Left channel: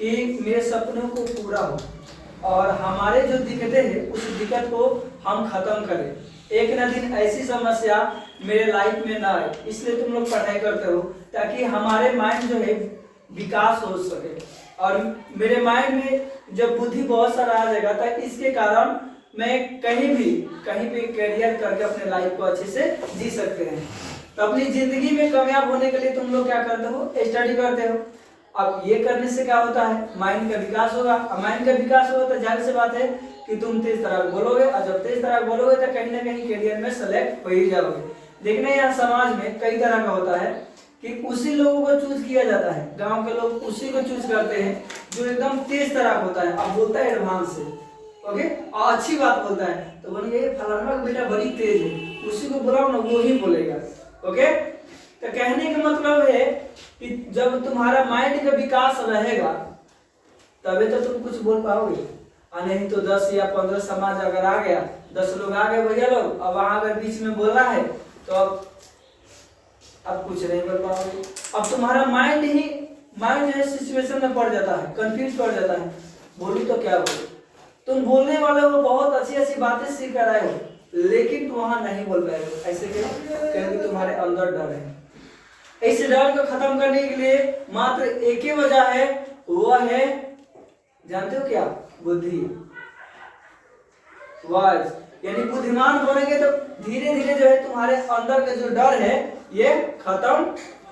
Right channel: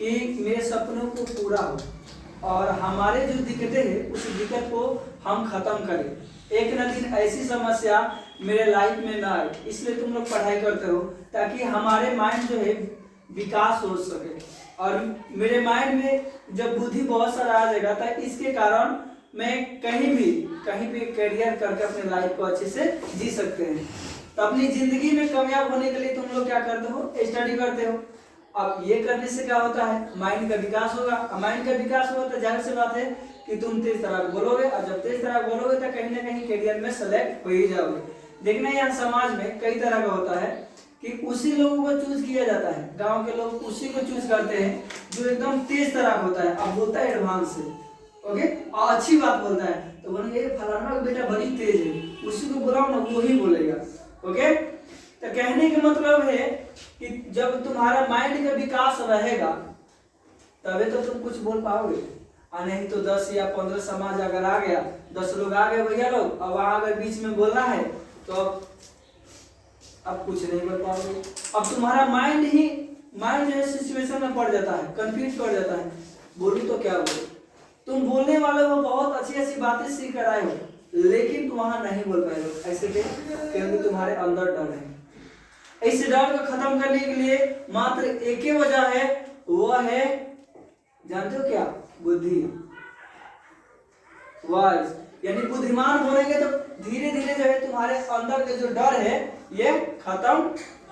कि मेरे सपनों को पूरा हो और हमारे जो दिक्कतें हैं उस दिक्कत को हम खत्म करें। एक न दिन ऐसी समस्या मेरे लाइफ में ना आए, इसलिए तुम लोग पढ़ाई करते हो ताकि हमारे माइंड जो है विकास हो सके। और मेरे माइंड में जब बुद्धि बहुत सारा आ जाएगा तो इसके कारण मैं कहीं पे करियर करके अपने लाइफ को अच्छे से जी सकते हैं। तो अपनी जिंदगी में कामयाब होने के लिए तुम लोग क्या करते हो, स्टडी करते हो। अब ये करने से क्या होता है, माइंड का विकास होगा। माइंड का विकास होगा तो जाहिर सी बात है कि तुम तेज तरह बोलोगे, और जब तेज तरह बोलोगे तो कहीं ना कहीं करियर में सेलेक्ट हो ही जाओगे। देखना यहाँ समाज में कई तरह का होता है कि उसी लोगों को चूज किया जाता है, गांव के लोग उसी को चूज करते हैं जो एकदम तेज तरह होता है। अब बोलता है एडवांस से, ओके, और अच्छी बात बोलता है तो बोलेंगे फलाना का बेटा बड़ी तेज है, उसी को बुलाओ ना वो ही बोलेगा। ओके, तो कहने का मतलब है कि जब तुम्हारा माइंड का विकास रहेगा तभी तो तुम कुछ बोल पाओगे। और नहीं तो 10 या 15 समाज अगर आ गया, 10 लोग आ गए भैया लोग, अब वहां अगर बीच में बोलना है तो अब कुछ नहीं बोल पाओगे। अब तुम्हारा माइंड जो है सिचुएशन में पड़ जाता है, कंफ्यूज पड़ जाता है, बोलूं तो क्या बोलूं। तुम बोलने वाले हो, बहुत अच्छी अच्छी बातें सीख कर आए हो, लेकिन तुम वहां नहीं बोल पाए हो। ऐसे क्योंकि तुम्हारे अंदर डर है। इस डर को खत्म करने के लिए मात्र एक ही वजह है, वह है, जानते हो क्या, बुद्धि, वाइज। यानी बुद्धिमान बनेंगे तो धीरे धीरे जो है तुम्हारे अंदर का जो डर है ये खत्म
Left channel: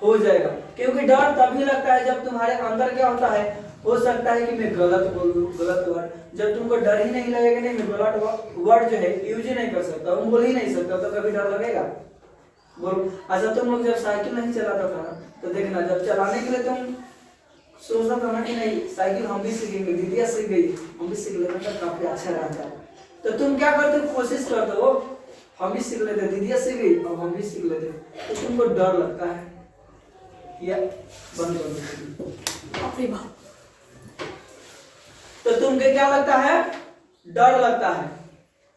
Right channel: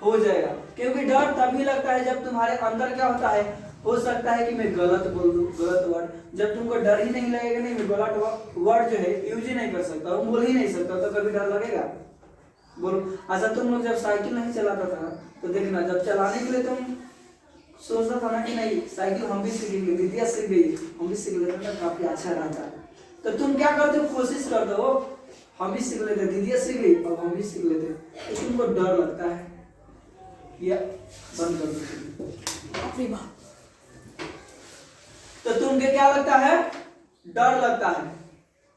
हो जाएगा। क्योंकि डर तभी लगता है जब तुम्हारे अंदर क्या होता है, हो सकता है कि मैं गलत बोल दूं, गलत वर्ड। जब तुमको डर ही नहीं लगेगा, नहीं मैं गलत वर्ड जो है यूज ही नहीं कर सकता हूँ, बोल ही नहीं सकता, तो कभी डर लगेगा, बोलो। अच्छा, तुम लोग जब साइकिल नहीं चलाता था तो देखना, जब चलाने के लिए तुम सोचता था ना कि नहीं साइकिल हम भी सीखेंगे, दीदिया सीख गई, हम भी सीख लेते तो काफी अच्छा रहता, तो तुम क्या करते हो, कोशिश करते हो हम भी सीख लेते, दीदिया सीख गई अब हम भी सीख लेते, तो तुमको डर लगता है, या बंद कर दो। तो तुमको क्या लगता है, डर लगता है।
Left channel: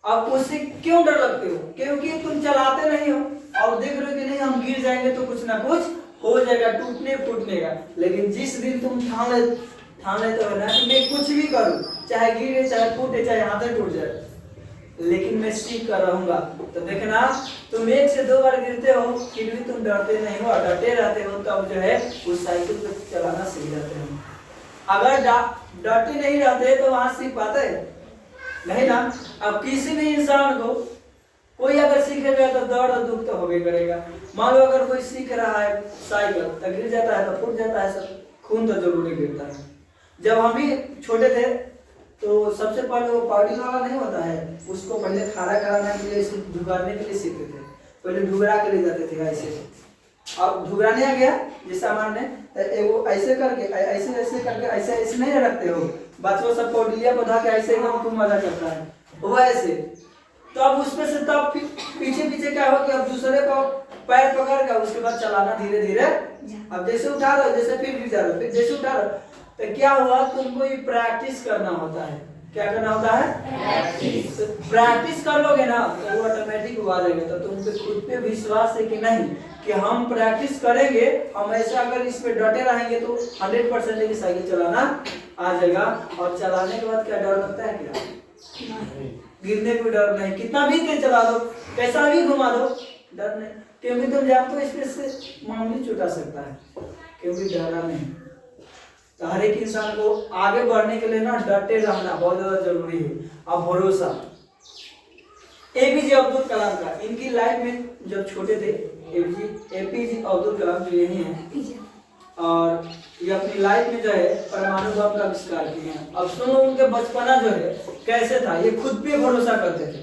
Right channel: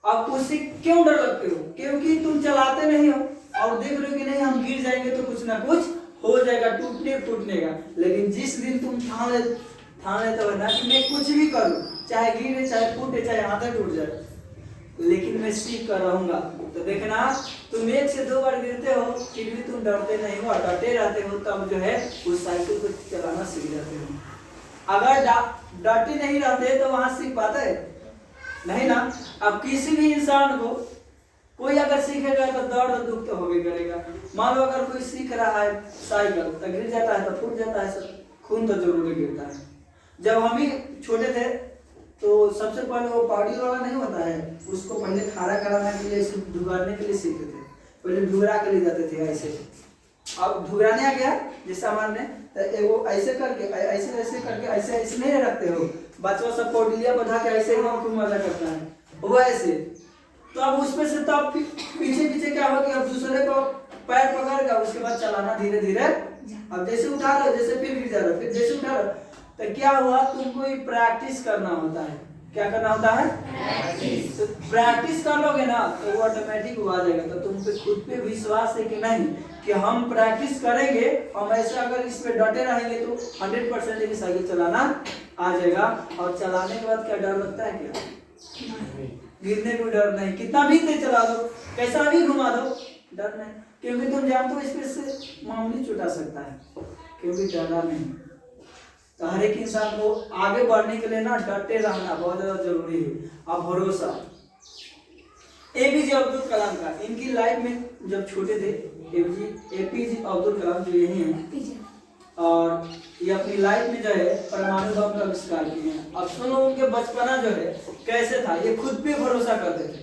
अब उससे क्यों डर लगते हो, क्योंकि तुम चलाते नहीं हो और देख रहे हो कि नहीं हम गिर जाएंगे तो कुछ ना कुछ हो जाएगा, टूटने फूटने का। लेकिन जिस दिन तुम ठान लेते हो ना कि मैं कुछ भी करूं, चाहे गिरे, चाहे फूटे, चाहे हाथ टूट जाए, लेकिन मैं सीख कर रहूंगा, तो देखना तुम 1 से 2 बार गिरते हो फिर भी तुम डरते नहीं हो, डटे रहते हो, तब जो है उस साइकिल को चलाना सीख जाते हो। अगर डटे नहीं रहते तो वहां सीख पाते नहीं ना। अब किसी भी इंसान को कोई अगर सीखेगा तो दर्द दुख तो होगा करेगा। मान लो अगर कोई सीख रहा है साइकिल, तो गिर जाता है तो फूट जाता है, सब खून तो जरूरी गिरता है। जब हम भी छोटे थे तो सबसे पहले वो पाउडर वाला नहीं होता है, उसको पहले खारा कराने के लिए, ढुगाने के लिए सीखते थे, पहले ढुगरा के ले जाते थे ऐसे। अब ढुगराने आ गया जिस सामान ने, तो वो ऐसे करके ऐसे नहीं रखते हो, बच्चों सब पौडिलिया बधा के ऐसे ही खूब मजा करता है वो ऐसे। तो अब उसमें से तब पीछे क्या हुआ कि अब दूसरे को पैर पकड़ कर उसके बाद चलाना धीरे धीरे। अब जैसे उठा रहे हो, जैसे फिर गिर जा रहे हो, फिर जैसे उठा रहे हो, तो क्या हुआ, तुमको ये प्रैक्टिस करना होता है। क्या करना होता है, प्रैक्टिस। तो प्रैक्टिस कर लोगे ना तो वो ऑटोमेटिक आ जाएगा। तो तुम पे खुद पे विश्वास है कि नहीं कि हम प्रैक्टिस करेंगे, हम ऐसा अगर इस पे डटे रहेंगे तो 100% की साइकिल चलाना आ जाएगा। और चलाने के बाद क्या डर लगता है, क्या गिरने को डर नहीं, कितना भी तेज चला दो, कैसा भी घुमा दो, डर नहीं, क्योंकि तुम जानते हो इसमें से मामूली छुटा सकता है, क्योंकि डरना नहीं। तो हर एक इंसान को आगे बढ़ने के लिए ना डटे रहना बहुत ज्यादा जरूरी है, और भरोसा। एपीजे अब्दुल कलाम का, इनकी लाइफ में जब छोटे थे, एपीजे अब्दुल कलाम जो यही हैं, और ये अपनी लाइफ में जो है परमाणु बम का आविष्कार किए हैं। अब सुनो उनके बचपना जो है कैसे था, ये खुद पे भरोसा करते थे।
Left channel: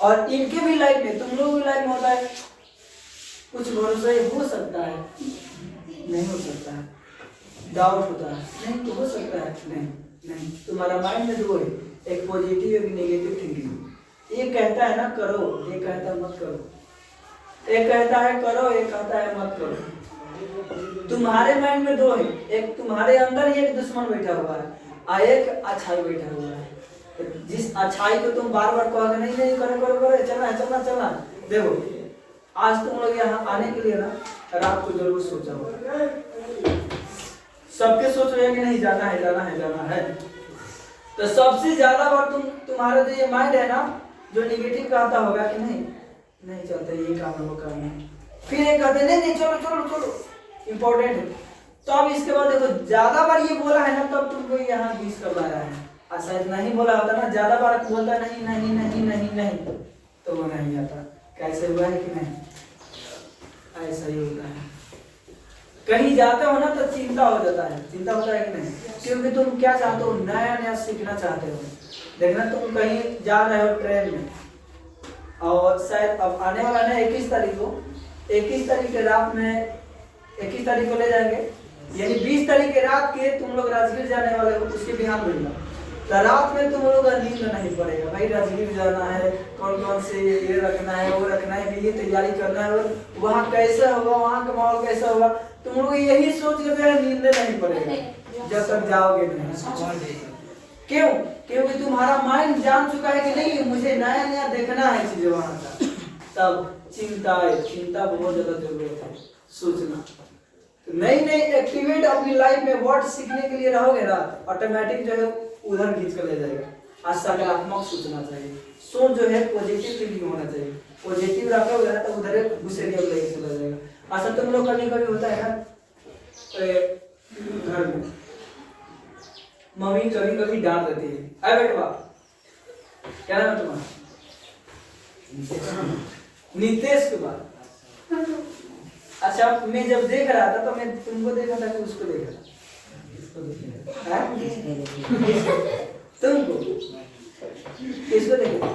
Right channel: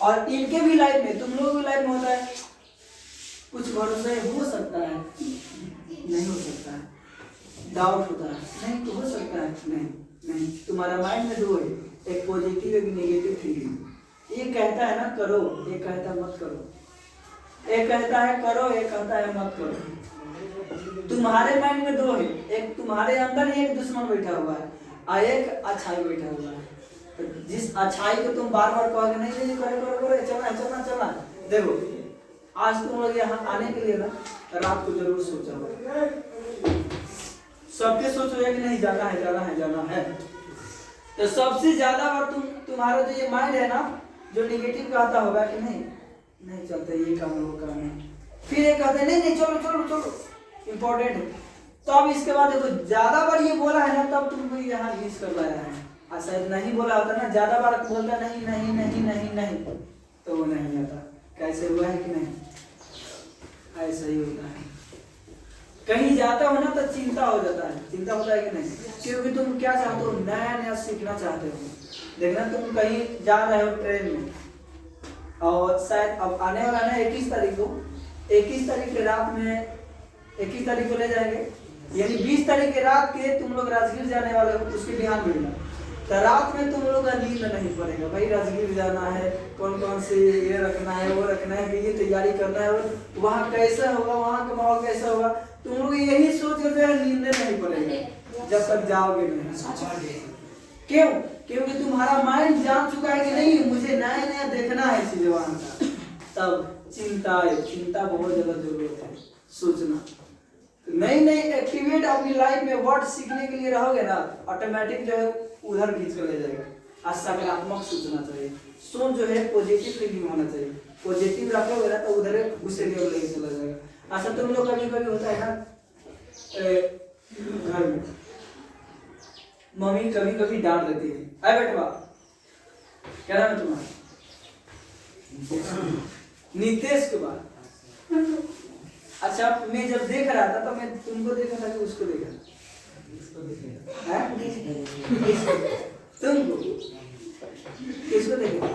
और इनके भी लाइफ में, तुम लोगों की लाइफ में होता है कुछ भरोसा हो सकता है, नहीं हो सकता है, डाउट होता है, नहीं तो हो सकता है, नहीं। तुम्हारा माइंड में 2 है, एक पॉजिटिव एक नेगेटिव थिंकिंग। एक कहता है ना करो, एक कहता है मत करो, एक कहता है करो, एक कहता है मत करो। तुम्हारे माइंड में 2 है, एक तुम्हारे अंदर ही एक दुश्मन बैठा हुआ है और एक अच्छाई बैठा हुआ है। तो जिस अच्छाई को तुम बार बार कहोगे नहीं करे चलना। देखो आज तुम लोग यहाँ आने के लिए ना रात को जरूर सोचा होगा, सबके सोच हो कि नहीं जाना है जाना है जाना है। तो सबसे ज्यादा बार तुम्हारा जो ये माइंड है ना जो निगेटिव कहता होगा कि नहीं नहीं चलता ये काम है वो काम है, फिर ये कहते नहीं नहीं चलो चलो चलो इम्पोर्टेंट है। तो अब इसके बाद देखो ज्यादा बार ये बोला है ना तब तुमको यहाँ यूज कर लाया है, और शायद नहीं बोला होता ना ज्यादा बार बोलता नहीं नहीं नहीं नहीं नहीं तो वो नहीं आता। कैसे हुआ है कि नहीं, ऐसा ही होता है। कहीं जाते हो ना तो चिंता हो जाता है, चिंता होता है कि नहीं, क्योंकि तुम क्या चाहते हो नया नया सीखना चाहते हो। देखना तुम कहीं जा रहे हो ट्रेन में और शायद अब आने वाला है 21 तारीख को, 21 तारीख के रात में 21 तारीख को ले जाएंगे, यानी 20 तारीख के रात के तुम लोग राजगीर जाने वाले हो, उसके बिहान मिलना। तो रात में तुम लोग नींद नहीं पड़ेगा भाई, राजगीर जाना है, कौन कौन से ये रखना है वो रखना है, ये तैयारी करना है, वहाँ कैसा होगा, वहाँ का माहौल कैसा होगा, तुम लोग यही सोच के जो है नींद नहीं पड़ेगा जब तक जाओगे नहीं। क्यों? क्योंकि तुम्हारा माइंड जान चुका है कि नहीं मुझे नया नया देखना है चीजें वहाँ का। तब चिंता बहुत ज्यादा जरूरत है, सोचना। तो नई नई एक्टिवेट अपनी लाइफ में वर्ड सीखने के लिए रहोगे ना, ऑटोमेटिक जो है उधर खींच कर ले जाएगा। आज सकारात्मक सोचना चाहिए, सोच जो है पॉजिटिव थिंकिंग होना चाहिए, पॉजिटिव रखोगे ना तो उधर घुसेरिया में लेके चला जाएगा। ऐसा तुम लोग कभी कभी होता है ना घर में मम्मी कभी कभी डांट देती है, अरे बेटवा क्या नाम है तुम्हारा, नितेश कुमार। अच्छा मैं जब देख रहा था तो मैं तुमको देखा था कि उसको देखा था, तुमको किसको देखा,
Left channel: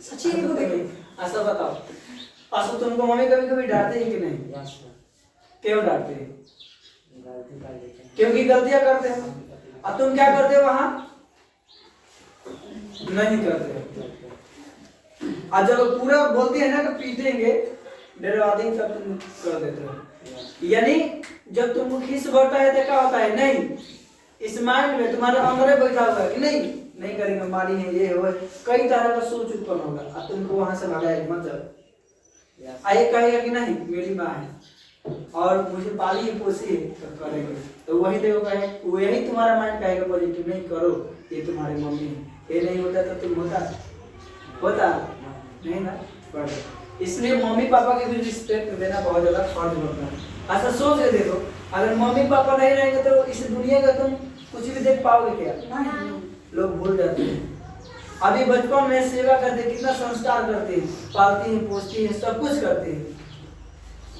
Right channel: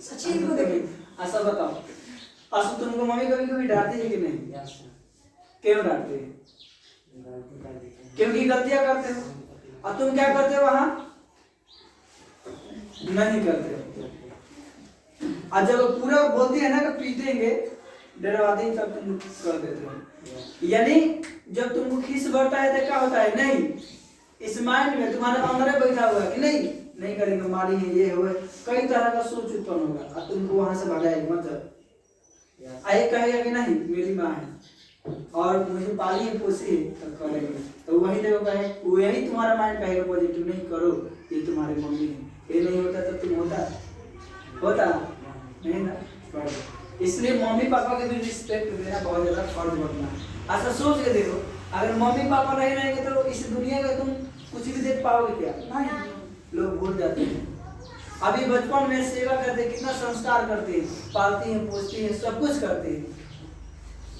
सचिन को देखे। ऐसा बताओ आसु तुमको मम्मी कभी कभी डांटती है कि नहीं, क्यों डांटती है? क्योंकि गलतियां करते हो और तुम क्या करते हो वहां नहीं करते। और जब पूरा बोलती है ना कि पीटेंगे डरवाते हैं तब तुम कर देते हो। यानी जब तुमको खीस बढ़ता है तो क्या होता है, नहीं इस माइंड में तुम्हारे अंदर बैठा हुआ है कि नहीं नहीं करेंगे, मारी है ये हुआ, कई तरह का सोच उत्पन्न होगा और तुमको वहां से भगाएगा। मतलब आइए कहेगा कि नहीं मेरी माँ है और मुझे पाली है पोसी है तो करेंगे, तो वही देखो कहे वही तुम्हारा माइंड कहेगा पॉजिटिव नहीं करो ये तुम्हारी मम्मी है, ये नहीं होता तो तुम होता नहीं ना। इसलिए मम्मी पापा के भी रिस्पेक्ट देना बहुत ज्यादा फर्ज बनता है। ऐसा सोच के देखो अगर मम्मी पापा नहीं रहेंगे तो इस दुनिया का तुम कुछ भी देख पाओगे क्या? लोग भूल जाते हैं। अभी बचपन में सेवा करते कितना संस्कार करते हैं, पालती हैं पोसती हैं सब कुछ करते हैं,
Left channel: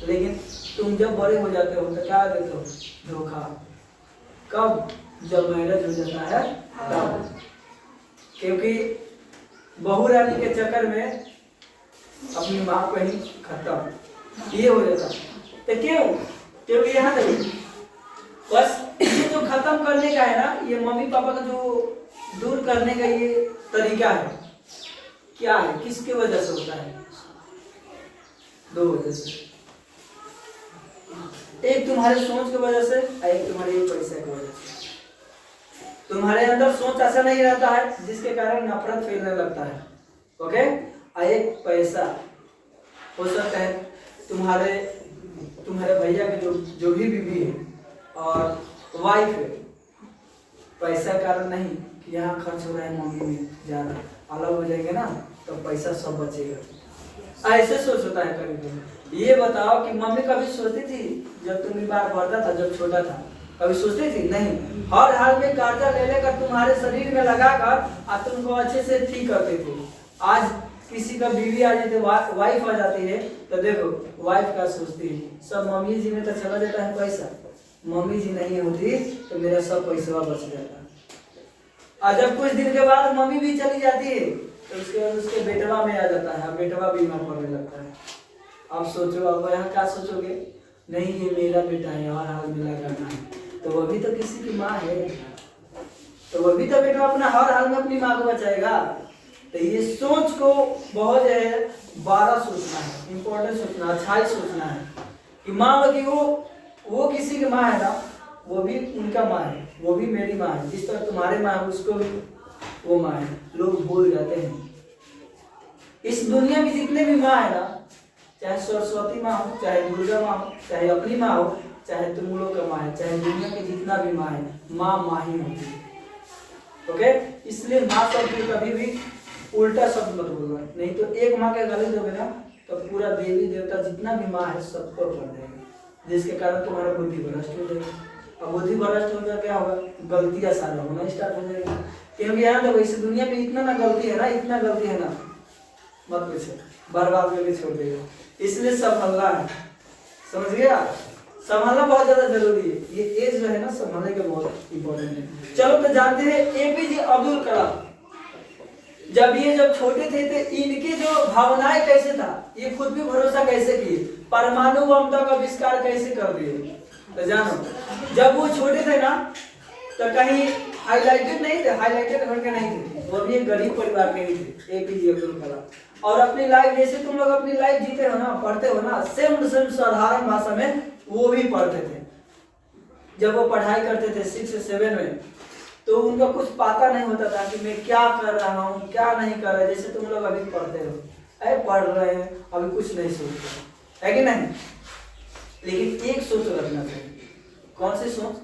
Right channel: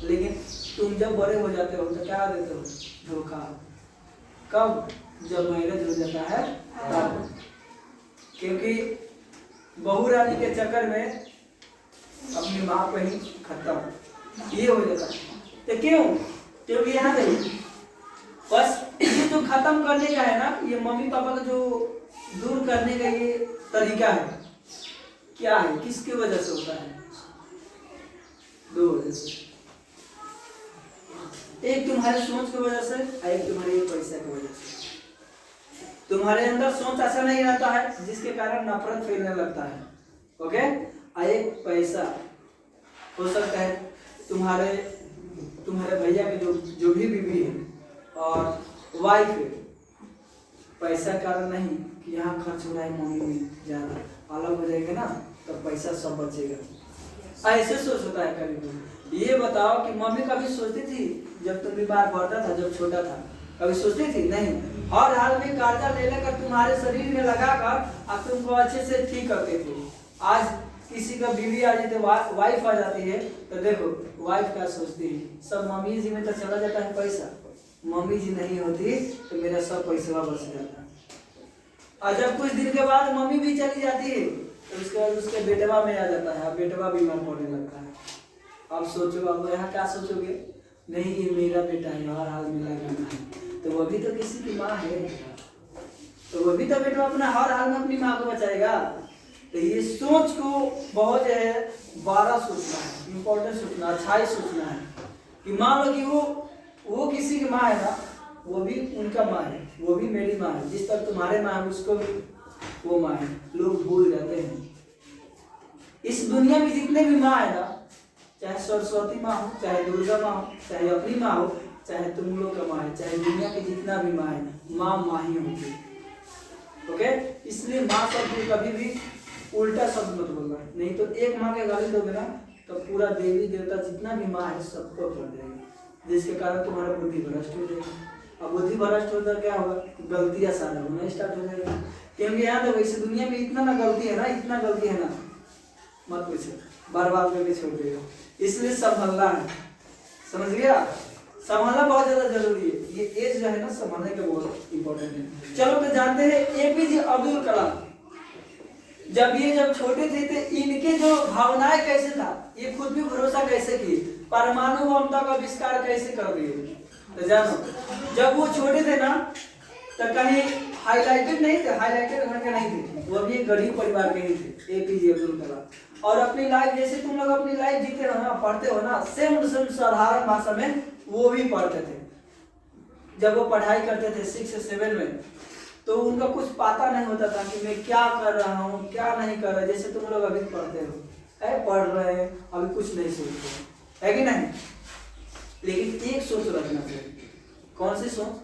लेकिन तुम जब बड़े हो जाते हो तो क्या देते हो, धोखा। कब? जब मैरिज हो जाता है तब, क्योंकि बहू रानी के चक्कर में अपनी माँ को ही खत्म ये हो जाता है। तो क्यों? क्योंकि यहाँ देखिए बस ये जो खत्म करने का है ना, ये मम्मी पापा का जो दूर करने का ये तरीका है, क्या है, किसकी वजह से होता है? दो वजह से, एक तुम्हारे सोच की वजह से और एक तुम्हारे पैसे की वजह से। तुम्हारे अंदर सोच ऐसा नहीं रहता है जिसके कारण नफरत फैलने लगता है, ओके। और एक पैसा हो सकता है तुम्हारे भैया के जो भी बीवी है और वाइफ है, पैसा कारण नहीं कि यहाँ खर्च हो रहा है मम्मी में ज्यादा, अलग हो जाएगा ना तो पैसा सब बचेगा। ऐसे सोच होता है कभी कभी। ये बताओ कि मम्मी कभी सोचती थी जब तुम बीमार पड़ता था, जब छोटा था, कभी सोचती थी? नहीं। हर हाल में कर्जा ले लेकर तुम्हारे शरीर में लगाकर और तुमको अच्छे से ठीक करते थे। आज किसी का बीवी आ जाती है, वाइफ आ जाती है, तो देखो वाइफ क्या सोचती है, सब मम्मी जी में तो चला जाता है पैसा, मम्मी जी नहीं होती तो मेरा सब पैसा बच जाता। और जब कुछ दिन के बाद मम्मी भी चली जाती है तो उसके बाद उसके बेटवा में आ जाता है, बेटवा बीमार पड़ने लगता है। अब सोचो, अब यहाँ क्या सोचोगे, नहीं ये मेरा बेटा है और हाल मिला करना है, तो वो भी तो किसी की माँ है, तो वो भी तो बेटा अपना हर हाल में अपनी माँ को बचाएगा। तो ये सोच को बहुत जो है बारह सोचना है, इम्पोर्टेंट सोचना, अच्छाई सोचना है कि मान लो कि वो किसी की माँ है ना, वो भी उनका माँ है, वो भी मेरी माँ है, जिस तरह तुम्हारे माँ है उसको भी वो माँ है। लोग भूल जाते हैं। इस दुनिया की जितने भी माँ है ना, चाहे सरस्वती माँ हो, चाहे दुर्गा माँ हो, चाहे अपनी माँ हो, चाहे तुम लोग का माँ है, चाहे दुनिया में जितना भी माँ है, माँ माँ ही होती है। ओके, इसलिए माँ शब्द को कभी भी उल्टा शब्द मत बोलना, नहीं तो एक माँ के गाली दोगे ना तो पूरा देवी देवता जितना भी माँ है सबको कर देगा, जिसके कारण तुम्हारा बुद्धि भ्रष्ट हो जाएगा। अब बुद्धि भ्रष्ट होकर क्या होगा, गलतियां सारा होना स्टार्ट हो जाएगा। क्योंकि यहाँ तक इस दुनिया में इतना ना गलती है ना, इतना गलती है ना, मत पूछो, बर्बाद करके छोड़ देगा। इसलिए संभलना है, समझ गया, संभालना बहुत ज्यादा जरूरी है। ये एज जो है ना संभालने का बहुत इंपॉर्टेंट है। चलो तो जानते हैं एपीजे अब्दुल कलाम जब छोटे थे तो इनके जो भावनाएं कैसे था, ये खुद भी भरोसा कैसे किए, परमाणु बम का आविष्कार कैसे कर दिए। तो जानो जब वो छोटे थे ना तो कहीं हाईलाइटेड नहीं थे, हाईलाइटेड घर के नहीं थे, वो भी एक गरीब परिवार के ही थे, एपीजे अब्दुल कलाम। और अपनी लाइफ जैसे तुम लोग अपनी लाइफ जीते हो ना, पढ़ते हो ना, सेम टू सेम साधारण भाषा में वो भी पढ़ते थे। जब वो पढ़ाई करते थे 6-7 में तो उनका कुछ पता नहीं होता था कि मैं क्या कर रहा हूँ क्या नहीं कर रहा, जैसे तुम लोग अभी पढ़ते हो, अरे पढ़ रहे हैं अभी कुछ नहीं सोच रहे है कि नहीं। लेकिन एक सोच रखना चाहिए, कौन सी सोच,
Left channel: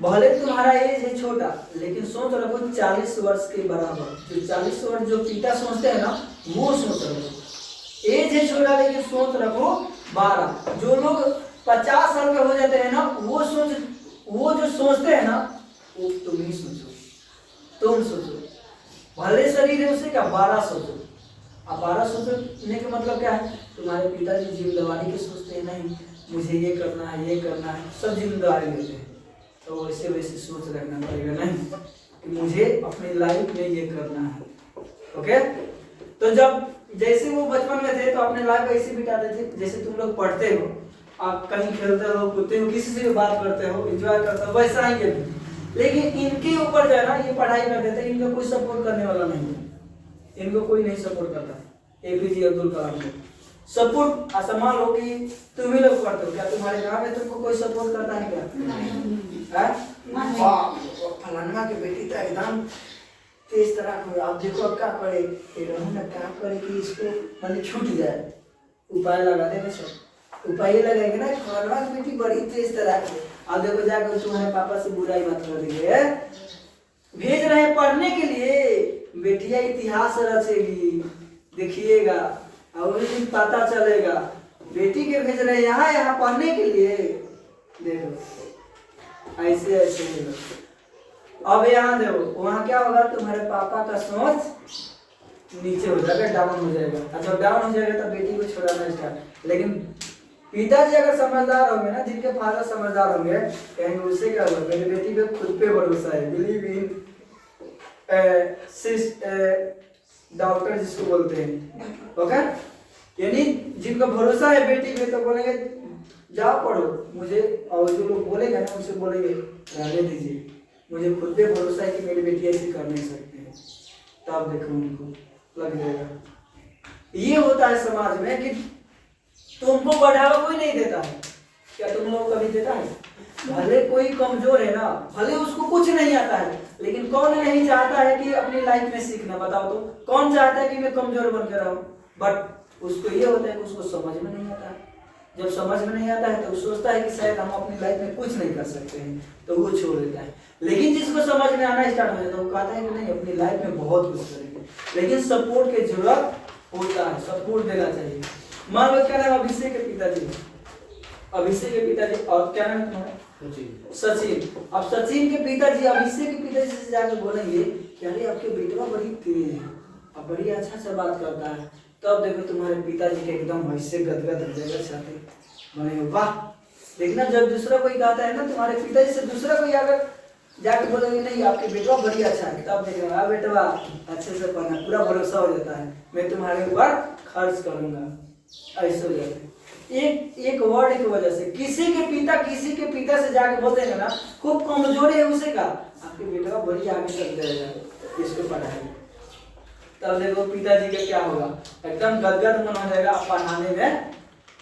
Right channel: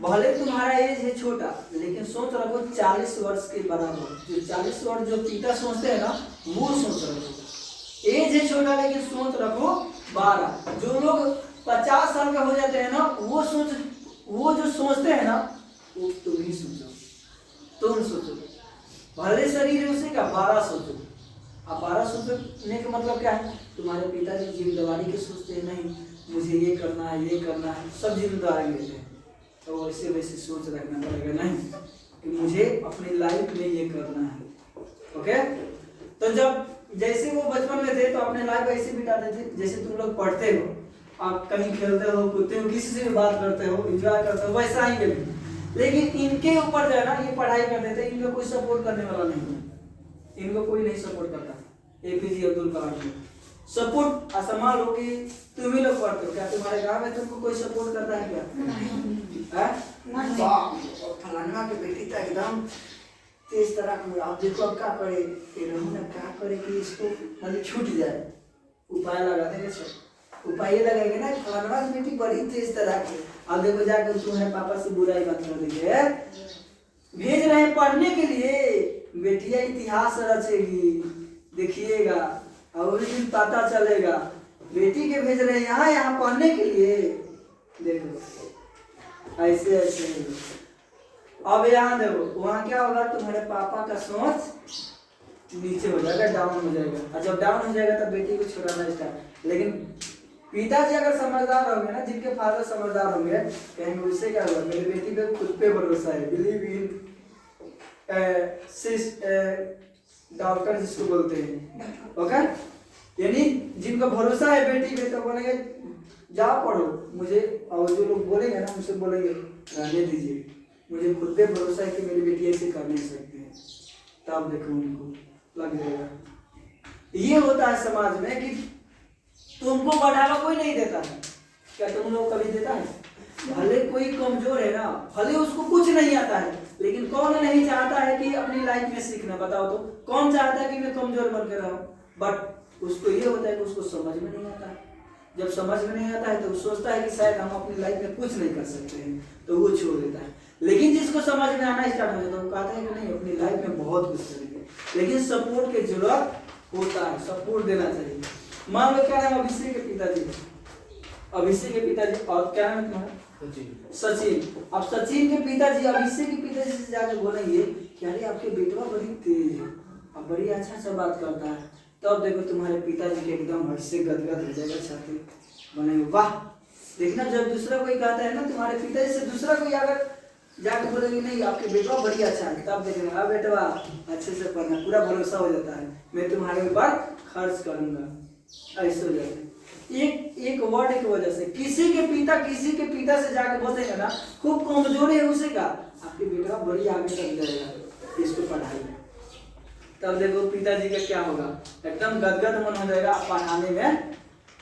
भले तुम्हारा एज है छोटा लेकिन सोच रखो 40 वर्ष के बराबर। जो 40 वर्ष जो पिता सोचते हैं ना वो सोच रखो। एज है छोटा लेकिन सोच रखो 12। जो लोग 50 साल के हो जाते हैं ना वो जो सोचते हैं ना वो तुम ही सोचो, तुम सोचो, भले शरीर है उसे क्या 12 सोचो। अब 12 सोचने का मतलब क्या है, तुम्हारे पिताजी जिम्मेदारी के सोचते हैं, नहीं मुझे ये करना है ये करना है, सब जिम्मेदारी लेते हैं, तो वैसे वैसे सोच रखना पड़ेगा, नहीं कि मुझे अपनी लाइफ में ये करना है। ओके, तो जब जैसे वो बचपन में थे तो अपने लाइफ ऐसे बिताते थे जैसे तुम लोग पढ़ते हो, आप कहीं खेलते हो कूदते हो, किसी से भी बात करते हो, एंजॉय करते हो, वैसा ही ये भी। लेकिन इनके ऊपर जो है ना ये पढ़ाई करते थे, इनको कोई सपोर्ट करने वाला नहीं है, इनको कोई नहीं सपोर्ट करता। एपीजे अब्दुल कलाम को सपोर्ट असमान हो कि तुम ही लोग पढ़ते हो, क्या तुम्हारे गांव में तुमको कोई सपोर्ट करता है क्या? फलाना के बेटी तो एकदम तेज तरह को, आप देखो अब क्या करे, क्या करे कि इसको मतलब छूट जाए, उपाय लगा देंगे, सब उपाय लगाएंगे ना, फलाना की बेटी बड़ी तेज तरह की, अब देखो जाकर तुम्हारे पापा से बुराई मत कर देंगे, भेज रहे हैं पढ़ने के लिए, बेटिया इतिहास रचेगी, देखिएगा और उस दिन पता चलेगा, बेटी के भेज रहे हैं यहाँ पढ़ने के लिए, देखो ऐसे ऐसे। अब यहाँ देखो वहाँ क्या होगा, तुम्हारे पापा का सोच नीचे हो जाएगा, डाउन हो जाएगा, और जब डाउन हो जाएगा तब बेटी को छोड़ाना स्टार्ट। लेकिन पिताजी अगर समझदार होंगे ना, जिनके फादर समझदार होंगे, कहेंगे उससे क्या होगा, मेरी बेटी पे खुद पे भरोसा है, बिलीव इन डॉक्टर जिसको बोलते हैं, ओके, यानी जिनको भरोसा है बेटी पे तो बोलेंगे जाओ पढ़ो, मुझे, और जो लोग बोलेंगे ना उनसे बोलेंगे रहने दीजिए, मुझे खुद पे भरोसा है कि मेरी बेटी ऐसे कर नहीं सकती है, तब देखो उनको लग जाएगा। ये होता है समाज में कि तुमको बढ़ावा कोई नहीं देता है, क्या तुम लोग कभी देता है? भले कोई कमजोर है ना, भले उसको कुछ नहीं आता है, लेकिन कौन नहीं चाहता है कि अपनी लाइफ में सीखना, बताओ तो कौन चाहता है कि मैं कमजोर बन के रहूं? बट उसको ये होता है कि उसको समझ में नहीं आता है, जब समझ में नहीं आता है तो वो सोचता है कि शायद हम अपनी लाइफ में कुछ नहीं कर सकते हैं, तो वो छोड़ देता है। लेकिन जिसको समझ में आना स्टार्ट हो जाता है वो कहता है कि नहीं अपनी लाइफ में बहुत कुछ करेंगे, लेकिन सपोर्ट की जरूरत होता है, सपोर्ट देना चाहिए। मान लो क्या नाम अभिषेक के पिताजी, अभिषेक के पिताजी, और क्या नाम है तुम्हारा? सचिन। अब सचिन के पिताजी अभिषेक के पिताजी से जाकर बोलेंगे कि अरे आपके बेटा बड़ी तेज है, अब बड़ी अच्छा बात करता है, तब देखो तुम्हारे पिताजी के एकदम ऐसे गदगद हो जाएगा, छाती बनेगा, वाह। देखना जब दूसरा कोई कहता है ना तुम्हारे पिताजी से, दूसरा कोई अगर जाके बोलेंगे नहीं आपके बेटवा बड़ी अच्छा है, तब देखेगा बेटवा अच्छे से पढ़ना, पूरा भरोसा हो जाता है, मैं तुम्हारे ऊपर खर्च करूंगा, ऐसे हो जाता है। एक वर्ड की वजह से किसी के पिता से जाके बोलते हैं ना खूब कमजोरी है उसे का, आपके बेटा बड़ी आगे तक जाएगा, इसको पढ़ाई, तब देखो पिताजी का क्या होगा, एकदम गदगद मन हो जाएगा, पढ़ाने में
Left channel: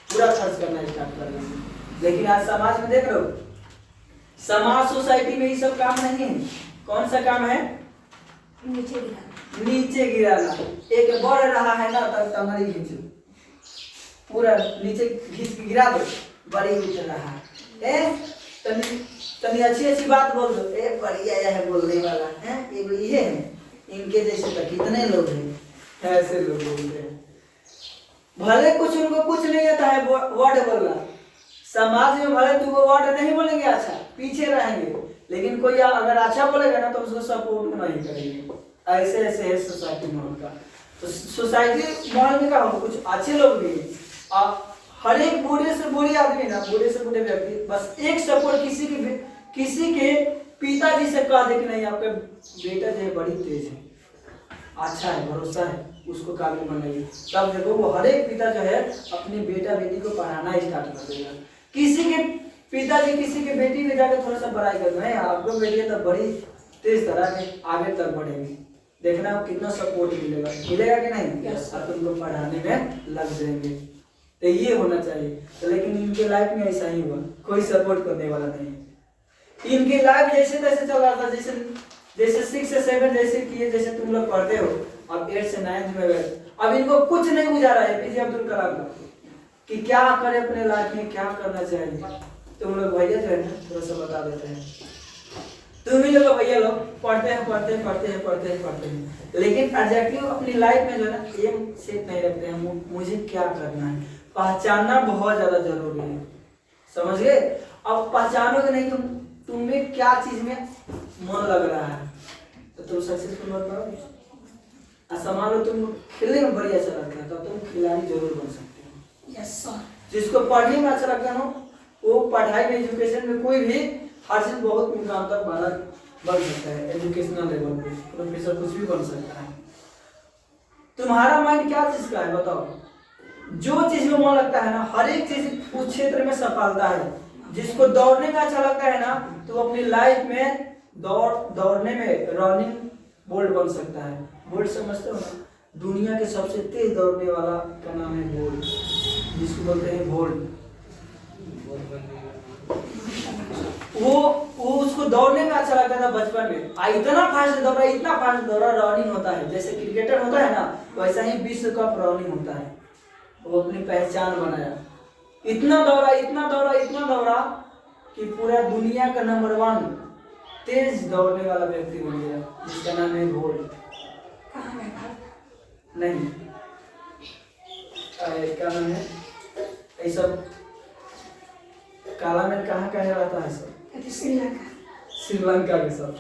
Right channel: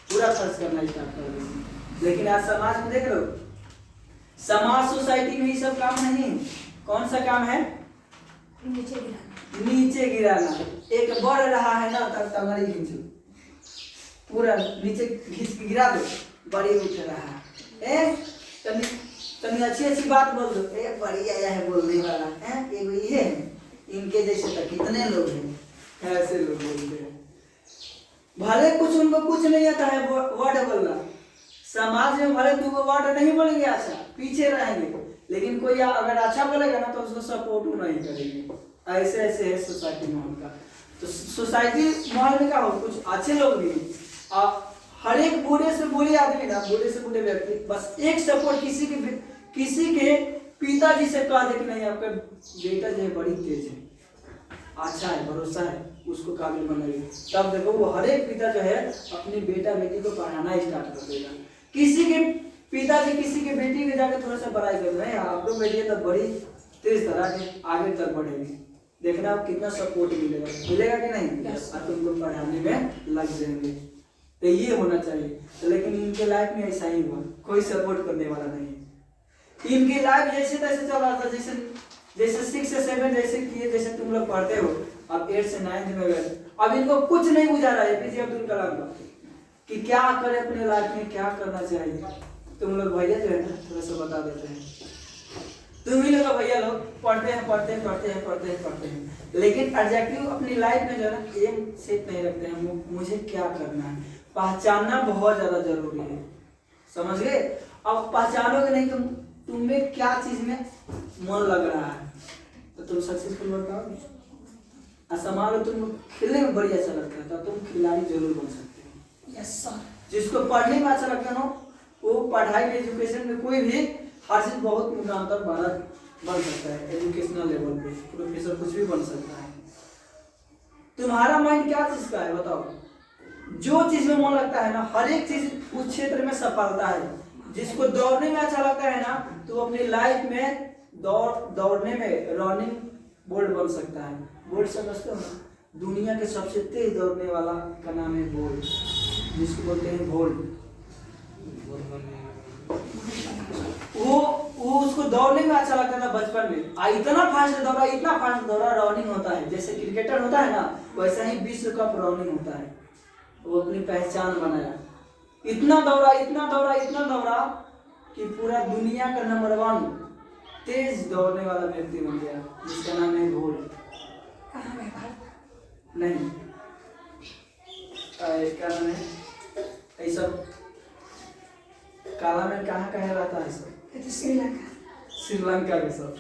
पूरा खर्च करना स्टार्ट कर देंगे। लेकिन आज समाज में देख रहे हो, समाज सोसाइटी में ये सब काम नहीं है। कौन सा काम है? नीचे गिराना। एक बढ़ रहा है ना तब टंगड़ी खींचो, पूरा नीचे खींच गिरा दो, बड़ी उठ रहा है, तनी तनी अच्छी अच्छी बात बोल दो। बढ़िया है बोलने वाला है, एक ये है, इनके जैसे तो कितने लोग हैं, ऐसे लोग बोलते हैं। भले कुछ उनको कुछ नहीं आता है वर्ड बोलना, समाज में भले तू वो वर्ड नहीं बोलेंगे अच्छा, पीछे रहेंगे, लेकिन कोई अगर अच्छा बोलेगा ना तो उसको सपोर्ट नहीं करेंगे। ऐसे ऐसे है सोसाइटी में उनका। तो सोसाइटी माहौल में क्या होगा, कुछ अच्छे लोग भी आप, हर एक बूढ़े से बूढ़े आदमी ना, बूढ़े से बूढ़े व्यक्ति बस एक सपोर्ट किसी के पिताजी से कह दे कि नहीं आपका बेटा जो है बड़ी तेज है, अच्छा है, भरोसा है, उसको काबिल बनाइए, तब देखो वो हर एक पिता जो है अपनी बेटा बेटी को पढ़ाना स्टार्ट कर देगा। किसी के पिताजी किसी के बेटी को जाकर थोड़ा सा बड़ाई कर रहे हैं, आपको बेटी तो बड़ी तेज तरह के आगे तक बढ़ेगी, देखना आप कितना सपोर्ट मिलेगा कि नहीं, आप उनको पढ़ाने में लग जाएंगे। तो ये होना चाहिए। तो लेकिन इनके लाइफ में ऐसा ही हुआ, कोई सपोर्ट करने वाला नहीं है। इनकी लाइफ जैसे तैसे चल रहा था, जैसे 6 से 7 जैसे किए, जैसे तुम लोग पढ़ते हो, अब 8 से 9 में गए, अब इनको कुछ नहीं बुझा रहा है एपीजे अब्दुल कलाम का कि क्या करे अपने लाइफ में, क्या करना चाहिए। तुम लोग भैया जो है ना थोड़ा सा बता देते हैं, तुम ही लोग भैया लोग पढ़ते हैं, लेकिन एग्जैक्टली अपनी लाइफ में जो है ना एम सेट नहीं रखते हैं, मुझे क्या करना है। पहचानना बहुत ज्यादा जरूरी है, समझ गए। अब पहचानोगे नहीं कि तुम्हें क्या चीज में मन लग रहा है तो तुम सक्सेसफुल बन पाओगे। समान लो तुम खेलने में बड़ी अच्छा लगता है तो तुम खिलाड़ी जरूर बन सकते हो। Yes sir. जिसको पढ़ने में अच्छा लगता है ना वो पढ़ाई में, एजुकेशन में कोई भी हर चीज बहुत मुकाम तक बन सकता है। एजुकेशनल लेवल पे प्रोफेसर कुछ भी बन सकता है। तुम्हारा माइंड क्या चीज का है बताओ। जो चीज में मन लगता है ना हर एक चीज उस क्षेत्र में सफलता है। जिसको दौड़ने में अच्छा लगता है ना तो अपनी लाइफ में दौड़ने में रनिंग बोल्ट बन सकता है। बोल्ट समझते हो ना, दुनिया के सबसे तेज दौड़ने वाला का नाम है बोल्ट, जिसको बोलते हैं बोल्ट। वो उसको दौड़ने में अच्छा लगता था बचपन में, इतना फास्ट दौड़ा रनिंग होता है। जैसे क्रिकेटर होता है ना वैसा ही विश्व कप रनिंग होता है। वो अपनी पहचान बनाया, इतना दौड़ा कि पूरा दुनिया का नंबर 1 तेज दौड़ने वाला व्यक्ति बन गया, जिसका नाम है बोल्ट। कहाँ है भारत? नहीं क्या नाम है ये सब, काला में कहाँ रहता है सब, श्रीलंका के सब,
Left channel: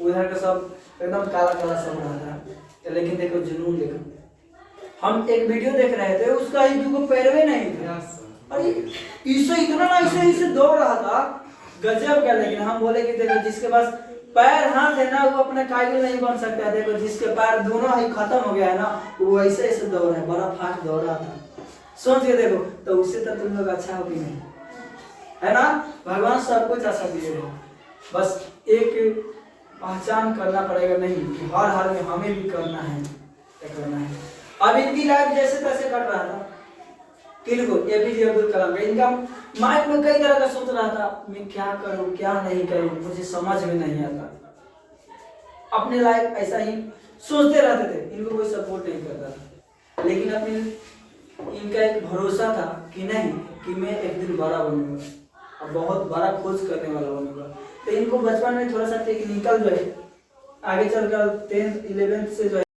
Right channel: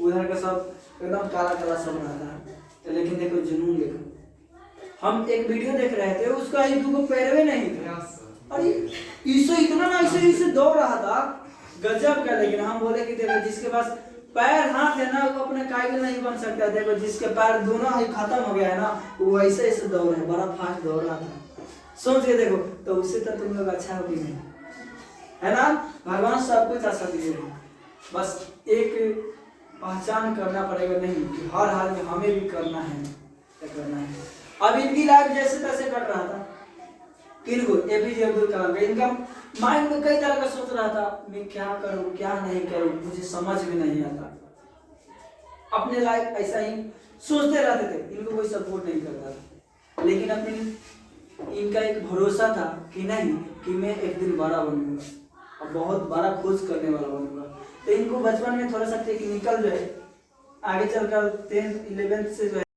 उधर का सब एकदम काला सब रहता है। लेकिन देखो जुनून देखो, हम एक वीडियो देख रहे थे उसका ही दुगो पैरवे नहीं था, अरे इसे दौड़ रहा था गजब का। लेकिन हम बोले कि देखो जिसके पास पैर हाथ है ना वो अपना काबिल नहीं बन सकता। देखो जिसके पैर दोनों ही खत्म हो गया है ना वो ऐसे दौड़ रहा है, बड़ा फास्ट दौड़ रहा था। सोच के देखो तो उससे तो तुम लोग अच्छा हो कि नहीं, है ना। भगवान सब कुछ अच्छा दिए है, बस एक पहचान करना पड़ेगा नहीं कि हर हाल में हमें भी करना है, क्या करना है। अब इनकी लाइफ जैसे तैसे कट रहा था, किनको एपीजे अब्दुल कलाम का, इनका माइंड में कई तरह का सोच रहा था, मैं क्या करूं क्या नहीं करूं मुझे समझ में नहीं आता। अपने लाइफ ऐसा ही सोचते रहते थे, इनको कोई सपोर्ट नहीं करता था। लेकिन अपनी इनका एक भरोसा था कि नहीं कि मैं एक दिन बड़ा बनूंगा और बहुत बड़ा खोज करने वाला बनूंगा। तो इनको बचपन में थोड़ा सा टेक्निकल जो है आगे चलकर 10th 11th से जो है